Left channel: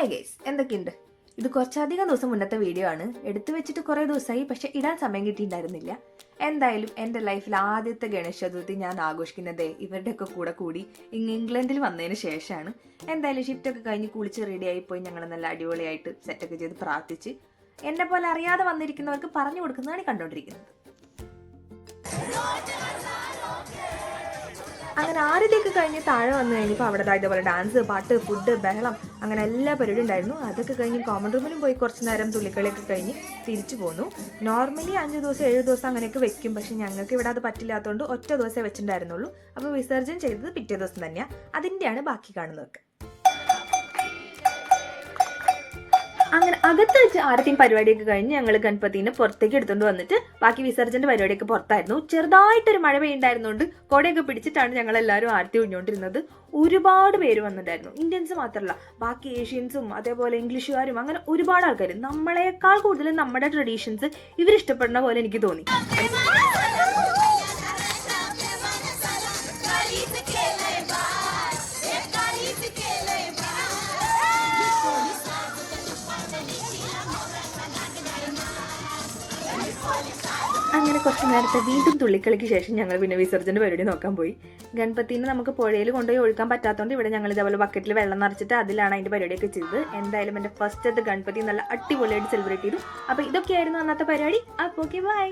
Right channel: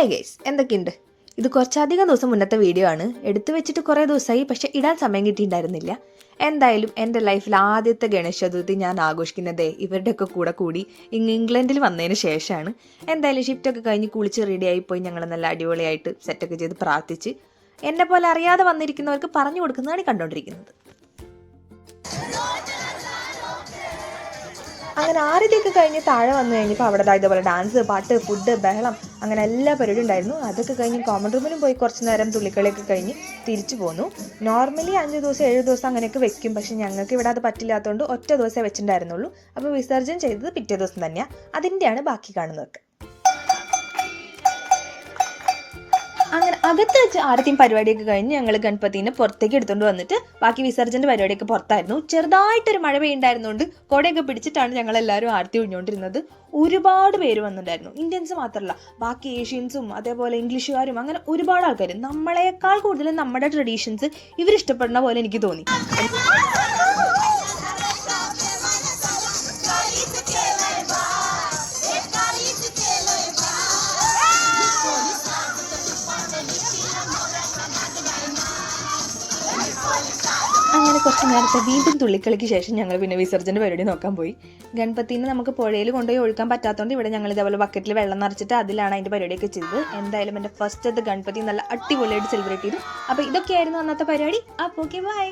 Hey guys, എന്തൊക്കെയുണ്ട്? ഇത് കുറച്ചധികം ദിവസം മുന്നത്തെ വീഡിയോ ആണ്. എടുത്തു വെച്ചിട്ട് കുറേ ദിവസമായി, പക്ഷെ ഇടാൻ സമയം കിട്ടിയിട്ടുണ്ടായിരുന്നില്ല. എന്തായാലും എൻ്റെ ലൈഫിൽ ആദ്യത്തെ ഗണേശ ചതുർത്ഥി ഞാൻ ആഘോഷിക്കുന്നതേ ഇവരുടെയൊക്കെ കൂടെ കൂടി ഇംഗ്ലണ്ടിൽ വന്നതിന് ശേഷമാണ്. എന്തായാലും ഷിഫ്റ്റൊക്കെ കഴിഞ്ഞ് കുളിച്ച് റെഡിയായി പോയി ഞങ്ങൾ നല്ല അടിപൊളിയായിട്ട് സെറ്റൊക്കെ ചെയ്ത് പ്രാർത്ഥിച്ച് എന്നെ പോലെ അറിയാതെ വന്നിരിക്കുന്നവർക്ക് പറഞ്ഞു കൊടുക്കുന്നതാണ് കണ്ടുകൊണ്ടിരിക്കുന്നത്. അങ്ങനെ ആദ്യത്തേക്ക് കഴിഞ്ഞ് താഴെ വന്നു കഴിഞ്ഞപ്പോൾ അവിടെ ഇതേപോലെ ഡാൻസ്, പാട്ട്, ഫുഡ്, ബഹളം, അങ്ങനെ എല്ലാ പരിപാടിയും ഉണ്ടായിരുന്നു. അതൊക്കെ കഴിഞ്ഞ് കോമൺ റൂമിലും പോയി കുറച്ച് നേരം തുള്ളിക്കളിയൊക്കെ കഴിഞ്ഞ് തിരിച്ചു പോന്നു. നോർമലി 5 ദിവസം 7 ദിവസം അങ്ങനെയൊക്കെ വെക്കും, പക്ഷെ ഞങ്ങൾക്ക് ഇവിടെ അത് പറ്റില്ലാത്തതുകൊണ്ട് ഒറ്റ ദിവസമേ വെച്ചിട്ടുണ്ടായിരുന്നുള്ളൂ. അപ്പോൾ വിസർജനം ചെയ്തത് പിറ്റേ ദിവസം തന്നെയാണ്. അതിൻ്റെയാണ് ബാക്കി കാണുന്നതൊക്കെ. അങ്ങനെ അകത്ത് വെച്ച് ആദ്യത്തെയും പരിപാടിയൊക്കെ കഴിഞ്ഞ് ഞങ്ങൾ ഗണപതിനെ പുറത്തേക്ക് എടുത്തുകൊണ്ട് വന്നിട്ട് ബാക്കി വിസർജൻ്റെ പരിപാടിയൊക്കെ പുറത്തായിരുന്നു. ചെറുതായിട്ടൊരു മഴ പെയ്യുണ്ടായിരുന്നുകൊണ്ട് കുടയൊക്കെ പിടിച്ചിട്ടാണ് ഞങ്ങളെല്ലാവരും ആരത്തി ഒഴിഞ്ഞുകൊണ്ടിരുന്നത്. ഒരുപാട് പേര് വന്നിട്ടുണ്ടായിരുന്നു. ഇന്ത്യൻസ് മാത്രമല്ല, ബാക്കി ഏഷ്യൻസും അതേപോലെ ഇംഗ്ലീഷുകാരും, അങ്ങനെ ഒരുപാട് ആൾക്കാർ. നമ്മളെക്കാൾ കൂടുതൽ നമ്മുടെ ട്രഡീഷൻസ് ഇവരിഷ്ടപ്പെടുന്ന പോലെ എനിക്ക് തോന്നി. അങ്ങനെ കുറച്ച് നേരത്തെ വീണ്ടും തുള്ളിക്കളിക്ക് ശേഷം ഞങ്ങൾ പിന്നെ വിസർജൻ്റെ പരിപാടി നോക്കാൻ പോയി. ഗണപതിനെ നമുക്ക് പുഴയിൽ കൊണ്ടുപോയി ഒഴുക്കാൻ പറ്റാത്തതുകൊണ്ട് ഇവിടെ ഞങ്ങൾ ഇതേപോലെ ബക്കറ്റിൽ വെള്ളം നിറച്ചിട്ട് അതിലാണ് അതിൻ്റെ പരിപാടിയൊക്കെ ചെയ്തത്. എന്തായാലും എൻ്റെ ഫസ്റ്റത്തെ ഗണപതി നല്ല അടിപൊളിയായിട്ട് സെലിബ്രേറ്റ് ചെയ്തു. അപ്പോൾ ഇതൊക്കെയായിരുന്നു അന്നത്തെ പരിപാടി. അപ്പോൾ ഓക്കെ, ബൈ.